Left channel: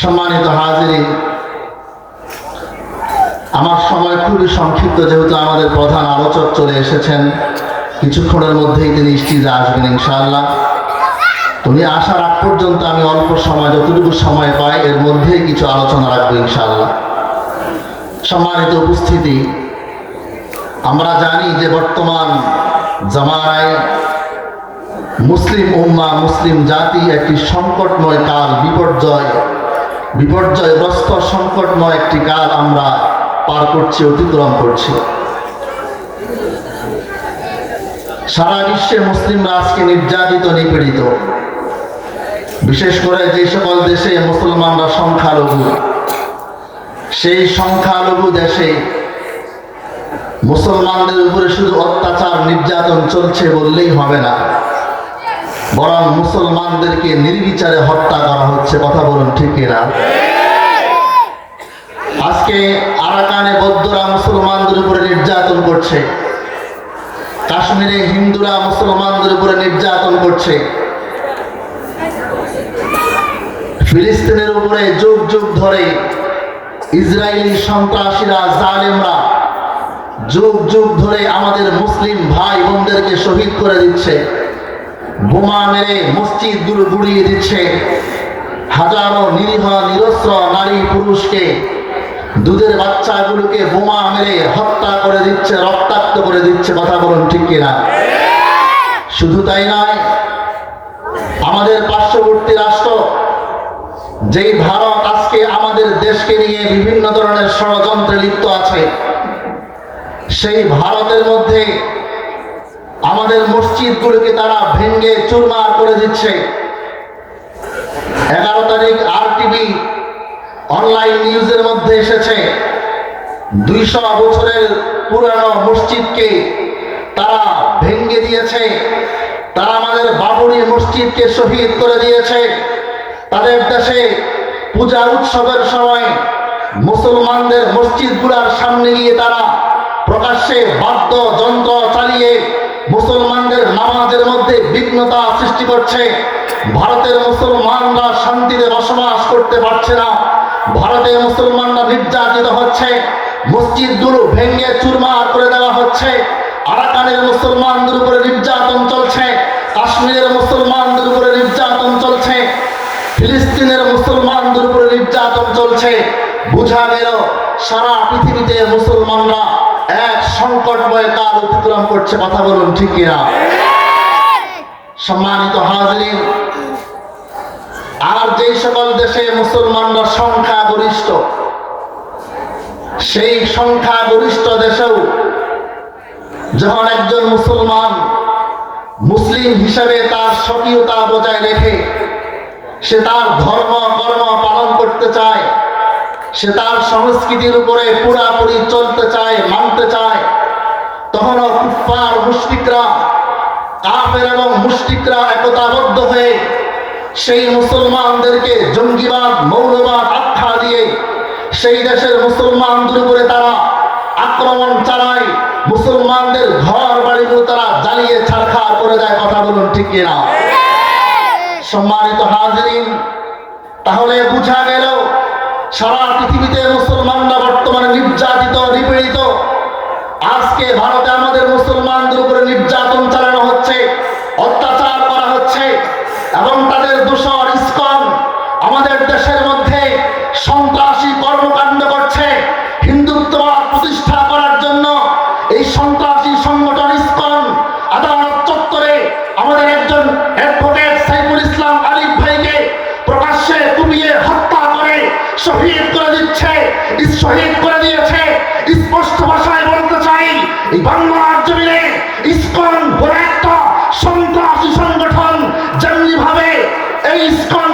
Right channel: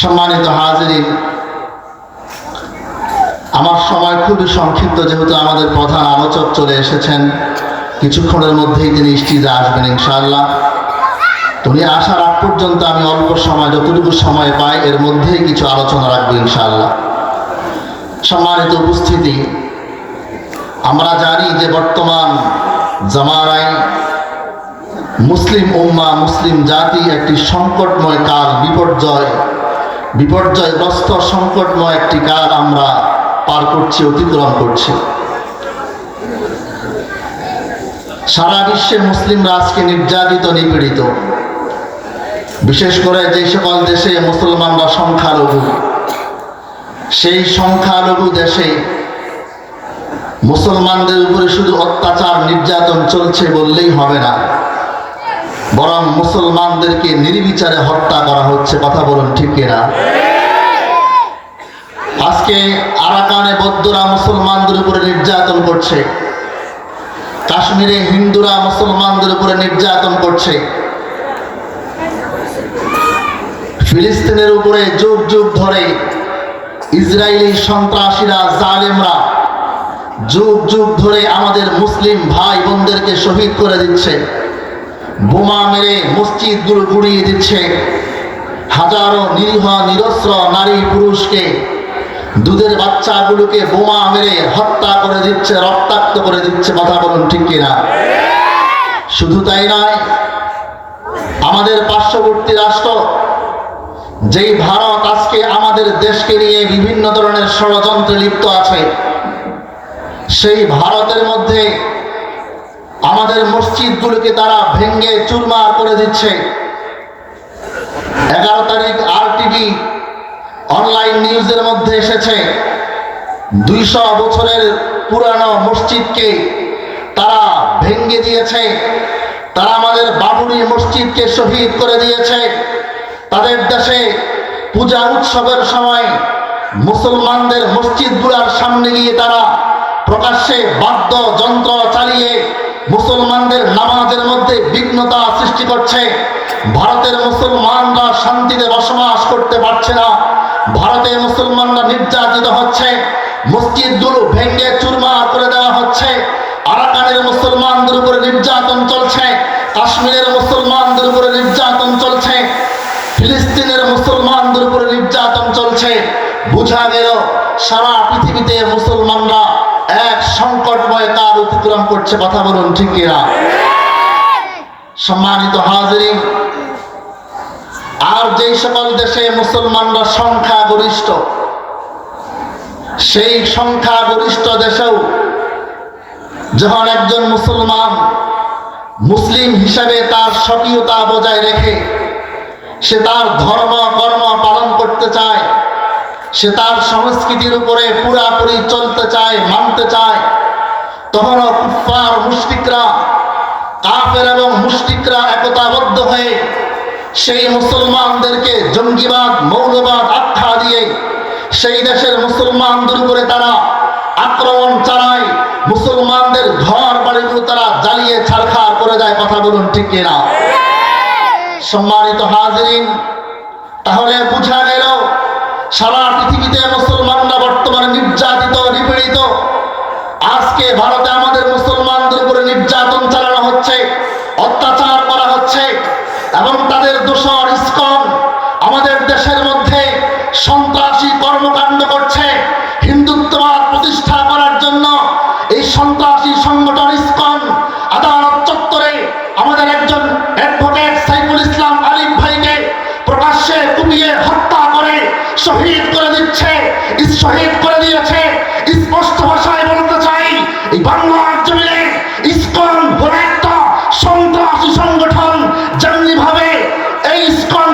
সম্মানিত হাজিরিন, আমার সময় খুবই সংক্ষিপ্ত, যেহেতু আমাদের প্রধান আলোচক চলে এসেছেন। কিছুক্ষণের মধ্যেই তিনি স্টেজে আসবেন ইনশাআল্লাহ। উনি আসার আগ পর্যন্ত আমি অল্প সময়, যতটুকু সময় পাই এর মধ্যেই কিছু আলোচনা রাখবো ইনশাআল্লাহ। সম্মানিত উপস্থিতি, আমরা জানি যে বর্তমান জামানায় মুসলিম উম্মাহ, মুসলিম জাতি একটি সংকটময় কাল, বিপর্যয়গ্রস্ত সংকটময় একটি কাল আমরা পার করছি, অতিক্রম করছি। সারা বিশ্বে মুসলিমরা আজকে নির্যাতিত, নিপীড়িত। বিশেষ করে যে সকল দেশে মুসলমানরা সংখ্যালঘু, সেই সংখ্যালঘু দেশে মুসলমানদের উপরে শুধু অত্যাচার, নির্যাতন চলছে বললেই হবে না, বরং মুসলমানদেরকে নির্বিচারে হত্যা করা হচ্ছে। কথা বলুন ঠিক কিনা? আজকে আরাকানে বৌদ্ধরা মুসলমানদের উপরে নির্যাতন করছে, কাশ্মীরে হিন্দুরা মুসলমানদের উপরে নির্যাতন করছে, ফিলিস্তিনের উপরে যুগ যুগ ধরে ইসরায়েলি সন্ত্রাসীরা, জালেমরা যুগ যুগ ধরে আমাদের মুসলিম ভাই বোনদেরকে শহীদ করে দিচ্ছে, বোমা মেরে মসজিদগুলো গুড়িয়ে দিচ্ছে, হাজারো নিরীহ নিরস্ত্র নারী পুরুষকে, দুধের বাচ্চাগুলোকে বোমা মেরে হত্যা করে দিচ্ছে, রক্তাক্ত করে দিচ্ছে। কথা বলুন ঠিক কিনা? শুধু তাই নয়, আমাদের পার্শ্ববর্তী রাষ্ট্র যেই ভারত আজকে আমাদের দেশকে নিয়ে বিভিন্ন ধরনের ষড়যন্ত্রে লিপ্ত আছে, সেই ভারতের মধ্যে আমাদের মসজিদগুলোকে তারা ভেঙে চুরমার করে দিচ্ছে। 11 তারিখ RTV অনলাইন নিউজের মধ্যে এসেছে, 200 বছরের পুরানো মসজিদকে তারা ভেঙে দিয়েছে, তারা আমাদের বাবরি মসজিদকে শহীদ করে দিয়েছে। তাদের দেশে পূজা উৎসবের সময় মুসলমানদের মসজিদগুলোর সামনে গিয়ে তারা প্রকাশ্যে বাদ্যযন্ত্র চালিয়ে মুসলমানদের নামাজের মধ্যে বিঘ্নতা সৃষ্টি করছে। ভারতের মুসলমানরা শান্তিতে বসবাস করতে পারছে না, ভারতে মুসলমানরা নির্যাতিত হচ্ছে, মসজিদগুলো ভেঙে চুরমার করে দেওয়া হচ্ছে। আরাকানের মুসলমানদের উপরে নির্যাতন চলছে, কাশ্মীরের মুসলমানদের উপরে নির্যাতন চলছে, ফিলিস্তিনের মুসলমানদের উপরে নির্যাতন চলছে। বোঝা গেল সারা পৃথিবীতে মুসলমানরা এক সংকটময় কাল অতিক্রম করছে। কথা বলুন ঠিক কিনা? সম্মানিত হাজিরিন, আর যেই সকল দেশে মুসলমানরা সংখ্যাগরিষ্ঠ, সেই সংখ্যাগরিষ্ঠ দেশেও যখন একজন মুসলমান মুসলিম হিসাবে তার স্বকীয়তা বজায় রেখে সে তার ধর্ম কর্ম পালন করতে চায়, সে তার সংস্কৃতির উপরে পুরাপুরি চলতে চায়, মানতে চায়, তখনও কুফফার মুশরিকরা, কাফের এবং মুশরিকরা একতাবদ্ধ হয়ে সেই মুসলমানদেরকে জঙ্গিবাদ, মৌলবাদ আখ্যা দিয়ে সেই দেশের মুসলমানদের উপরে তারা আক্রমণ চালায়, মুসলমানদের ঘর বাড়িগুলো তারা জ্বালিয়ে ছারখার করে দেয়। কথা বলুন ঠিক কিনা? সম্মানিত হাজিরিন, তাহলে বোঝা গেল সারা পৃথিবীতে মুসলমানরা বর্তমানে নির্যাতিত, নিপীড়িত। আজকে ভারতে আমাদের মুসলমানদের উপরে নির্যাতন চালানো হচ্ছে, অত্যাচার করা হচ্ছে, এবং তাদের দোসর ইসকন আমাদের দেশের মধ্যে সন্ত্রাসী কর্মকাণ্ড করছে। হিন্দুত্ববাদ প্রতিষ্ঠা করার জন্য এই সন্ত্রাসী সংগঠন ইসকন আদালত চত্বরে আমাদের একজন অ্যাডভোকেট সাইফুল ইসলাম আলিফ ভাইকে প্রকাশ্যে কুপিয়ে হত্যা করে শহীদ করে দিচ্ছে, শহীদ করে দিয়েছে। স্পষ্ট ভাষায় বলতে চাই, এই বাংলার জমিনে ইসকন বলে একটা সন্ত্রাসী সংগঠন যেমনি ভাবে এই ইসকন